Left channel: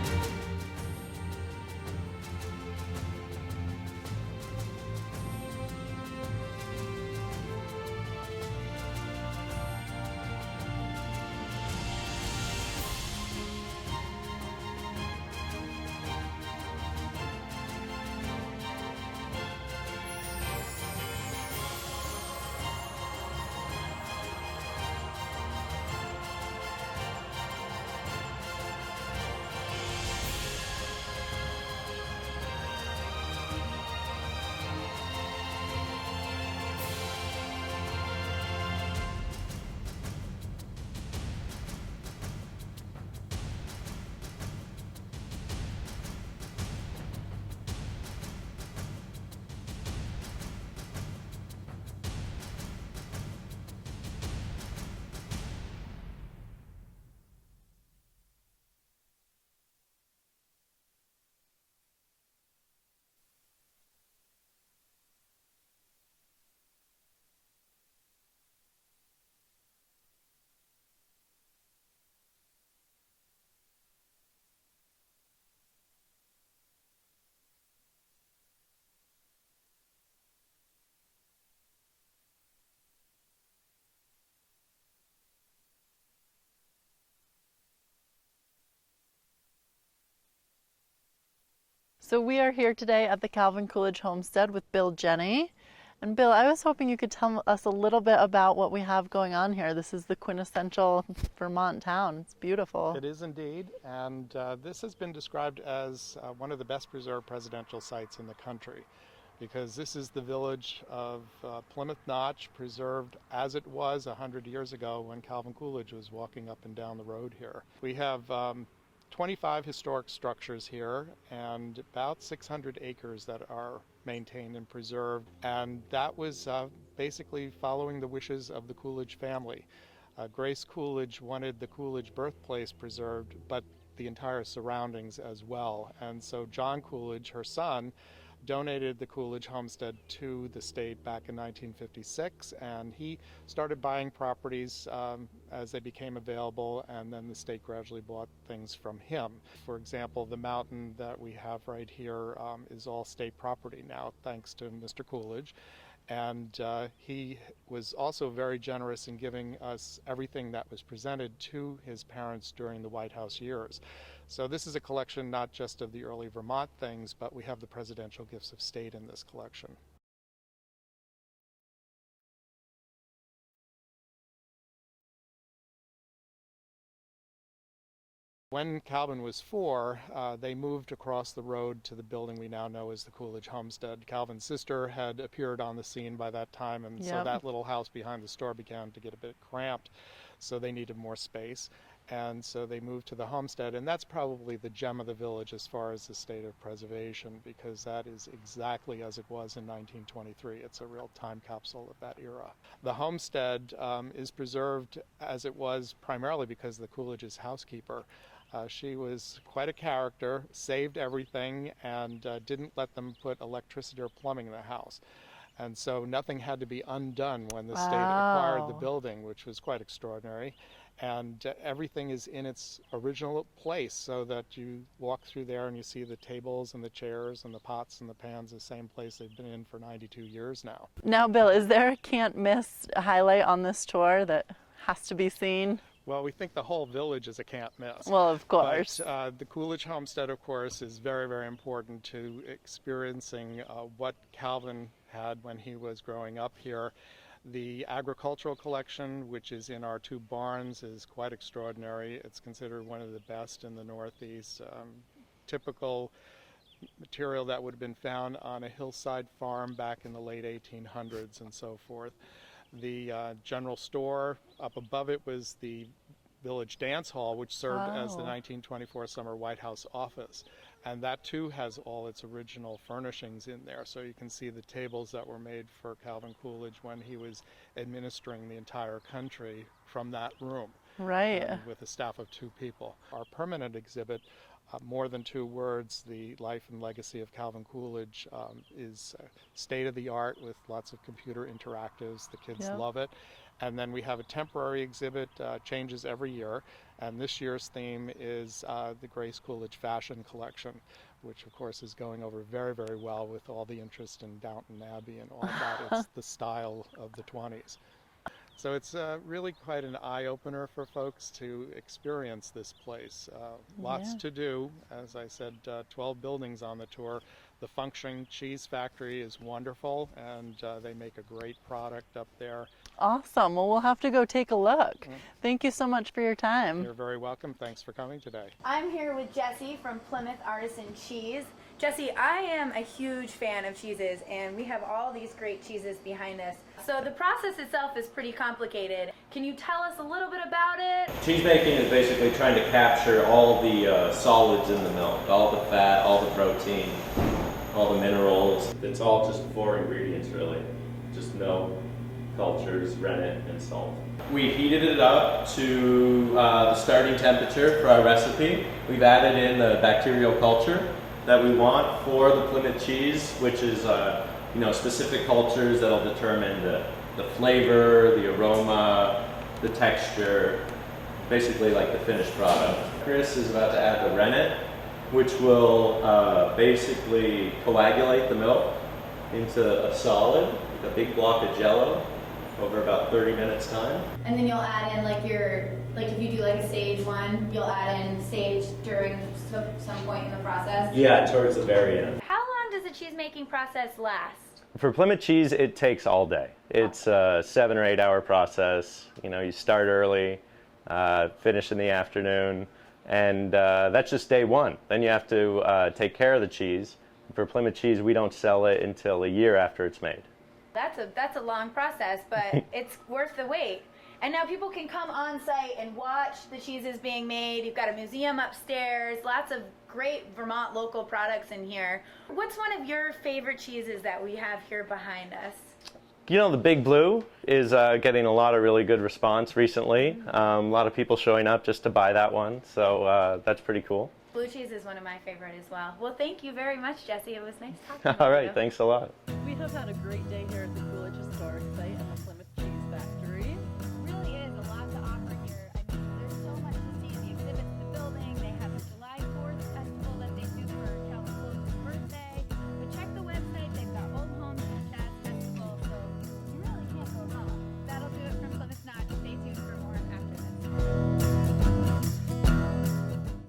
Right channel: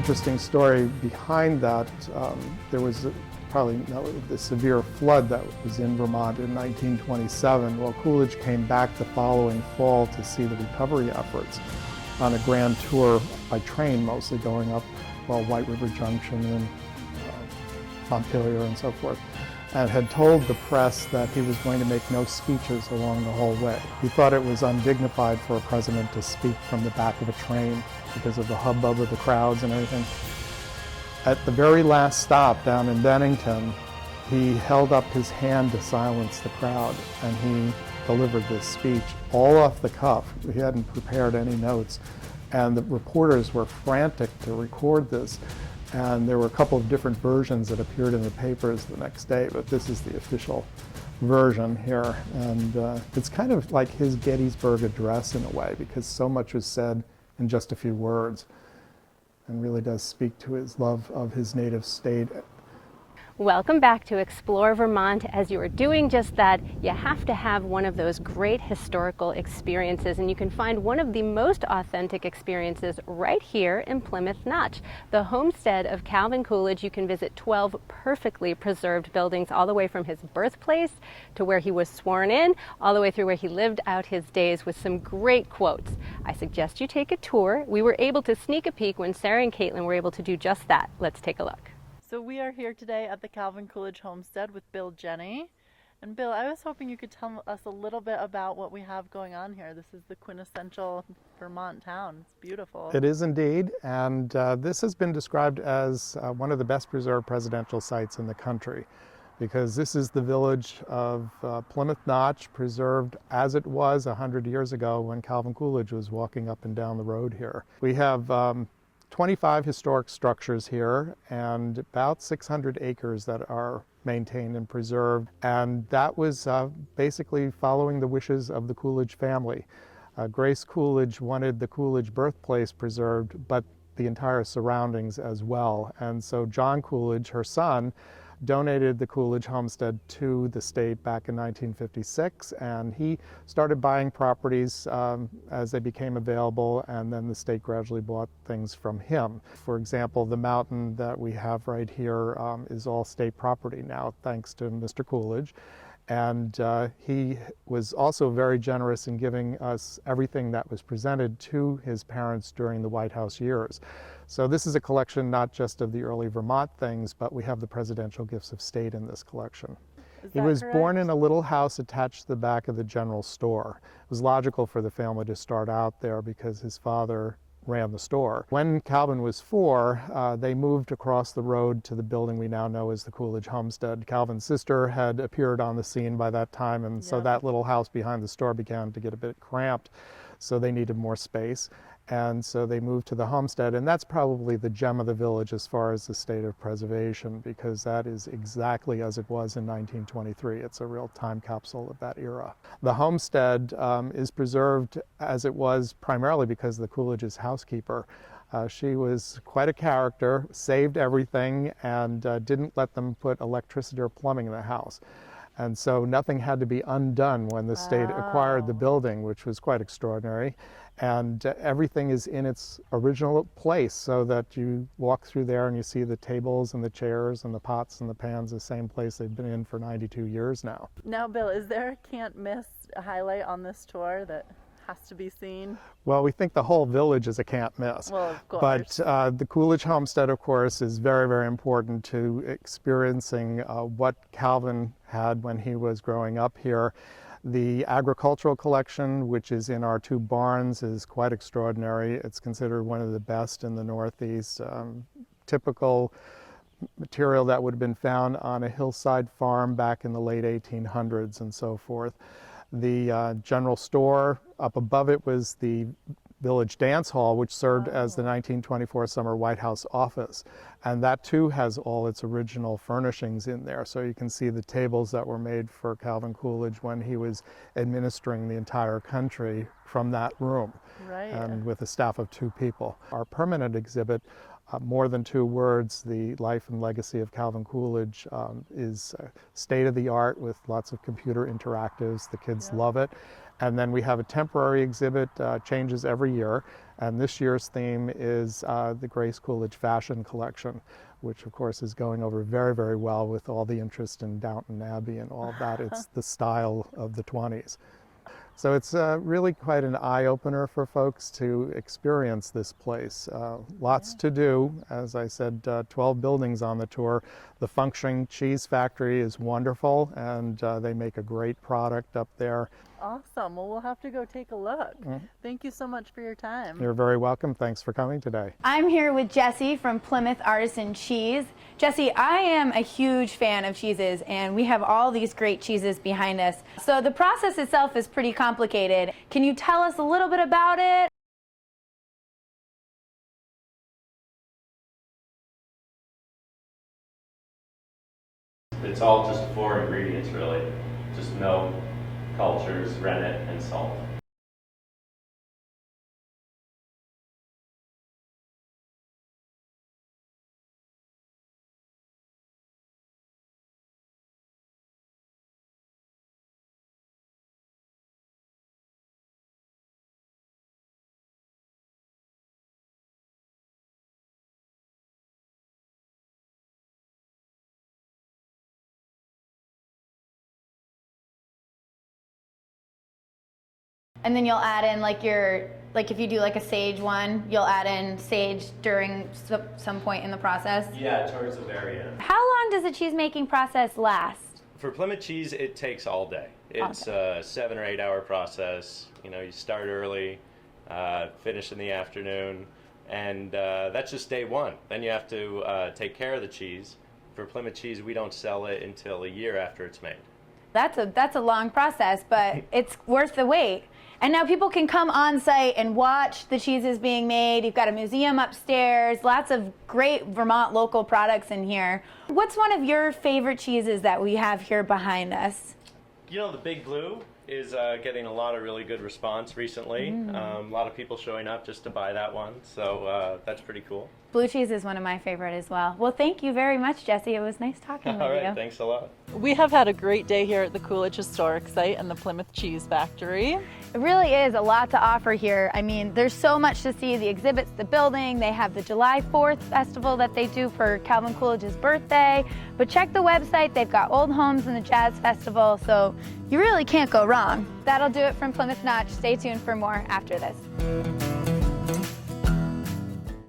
interesting story behind that. There was probably the severe flood that was in Vermont in 1927. Well, Coolidge came back the following fall to see the recovery efforts on a grand tour by train, mostly going up White River Junction and Montpelier and so forth, and had told the press that he was going to make no speeches along the whole way. He thought it was undignified for a president to speak from the back of a train because of the hubbub of the crowds and everything. At the very last stop down in Bennington, he held up his hand to silence the crowd, and he delivered this speech all off the cuff. He hadn't prepared any notes, and the reporters were frantic to record this. And there were a couple of different versions that appeared in the papers the next day, but this is the official version here. And it's kind of like his Gettysburg Address in a way, because so much was said in just a few words, and really does speak to his love of his native state. Welcome back to Explore Vermont. As you are doing just that, you have to have one of those great historical experiences, and you can find one of the most authentic experiences right here in Plymouth Notch, the homestead of Calvin Coolidge. You can visit 12 perfectly preserved buildings, all the way from his birthplace to where he was sworn in, all the way through where he lived out his days, with some great quotes. I suggest you take a tour. We were able to sneak a peek when Sara and Kaitlyn were able to do just that. Let's take a look. So we are here today at the Calvin Coolidge Homestead with Bill Jenney. And Bill, I was hoping you could tell us a little bit about what we have going on here. This is the quintessential Vermont town. It's beautiful. It is indeed, and this has been described as one of the best preserved presidential sites in the country, because this is the village of Plymouth Notch, preserved as it was 100 years ago when Calvin Coolidge was walking up and down the road here. We have 25 historic structures here and about 600 acres that are maintained and preserved, and that was basically following the wishes of the Coolidge family. Grace Coolidge wanted the Coolidge birthplace preserved, but the entire surroundings as well, and so John Coolidge, her son, donated the Coolidge Homestead to the state back in 1956, and he started buying properties as they became available, and then the state gradually bought things from him. For example, the mountain that we have right here is all state property now, thanks to Mr. Coolidge. And he was also very generous in giving us everything that was presented to his parents during the White House years. So this is a collection not just of the early Vermont things, but we have the presidential gifts of state in this collection. He was born in a little house attached to the back of the general store. It was logical for the family to start out there because his father ran the store. When Calvin was 4, they moved across the road to the building we now know as the Coolidge Homestead. Calvin's sister had appeared on the scene by that time, and so that little house behind the store began to get a bit cramped, so they needed more space. And so they moved to the homestead, and that's probably the gem of the village as far as the state of preservation, because that is exactly as it was in 1923. It's a real time capsule of that era. The homestead is preserved as it was primarily because of the Coolidge's housekeeper. She was quite a character, saved everything, and didn't let them put electricity or plumbing in the house. And so nothing had to be undone when the state acquired the building, which was quite extraordinary. And everything is in its original place, so that you walk through there and you see the tables and the chairs and the pots and the pans, the same place they've been in for 92 years now. Now, Bill, is there a can't miss highlight on this tour that has to be seen? Well, we think the whole village is a can't miss. Well, of course. But the Coolidge Homestead, of course, is very, very important to experiencing what Calvin had when he was growing up here. The agricultural collection, which is in our 2 barns, is quite extraordinary. It's considered one of the best in the Northeast. Typical material that would have been found on a hillside farm back in the late 1800s and so forth. The general store, up above it was the Village Dance Hall, which served as the 1924 summer White House office. And that too has all its original furnishings in there. So you can see the tables that were made for Calvin Coolidge when he was administering the entire country from that room. Right. And with a staff of 2 people. Our permanent exhibit, More Than 2 Words, The Life and Legacy of Calvin Coolidge, is state of the art with lots of computer interactives. The kids love it. And then we have a temporary exhibit, changes every year. And this year's theme is the Grace Coolidge Fashion Collection, which of course is going over very, very well with all the interest in Downton Abbey and all that. It's the style of the 20s. So it's really quite an eye-opener for folks to experience this place. Lots to do. As I said, 12 buildings on the tour. The functioning cheese factory is wonderful, and they make a great product up there. Awesome. Well, we'll have to go take a look. Thank you so much for your time. You're very welcome. Thanks for coming today. I'm here with Jessie from Plymouth Artisan Cheese. Jessie, I am a huge fan of cheeses, and we have all these great cheeses behind us. So the process itself is pretty complicated. Can you tell us a little bit about it? Cheese making is basically trying to capture all the solids in the milk, all the fat, all the protein, all the minerals. It's all just 4 ingredients really. Just milk, cultures, rennet, and salt. We heated it up to the starting temperature for our recipe. We've added in the bacterial culture that we want for the Plymouth cheese, which is specific cultures that'll determine the flavor, the aroma, the texture, basically like the finished product. Chris is about to add the rennet, which will basically coagulate the milk into a solid, a big block of jello, over about 30 minutes time. And then you'll add in if you do like a sage one, you'll add in sage during some point in the process? Yeah, towards the very end. How long does the cheese making process last? For Plymouth cheese, it takes all day. It's a 7 or 8 hour process. You start early, finish in the afternoon, and that's just day one. Then you have to take care of the cheese. For Plymouth cheese, we don't sell it until a year after it's made. That's a long process, but it's worth the wait. And now people can come on site and watch the cheeses being made. You've got a museum upstairs, lots of great Vermont local products in here. What's one of your favorite cheeses that we have here behind us? The Big Blue is getting a lot of really good response recently. A lot of people showing up just to buy that one, so that's pretty cool. Blue cheese is one of my favorite as well. Well, thank you very much, Jessie. It was nice talking with All you. right, thanks a lot. We have had a great day here at the Coolidge Historic Site and the Plymouth Cheese Factory. It really is a lot to offer here. I mean, there's so much to see. The exhibits, the building, they have the July 4th festival that they do for Calvin Coolidge's birthday. But check the website. They've got Old Homes and the Jazz Festival, so you really can't go wrong. That'll do it from Plymouth Notch. Stay tuned for more after this.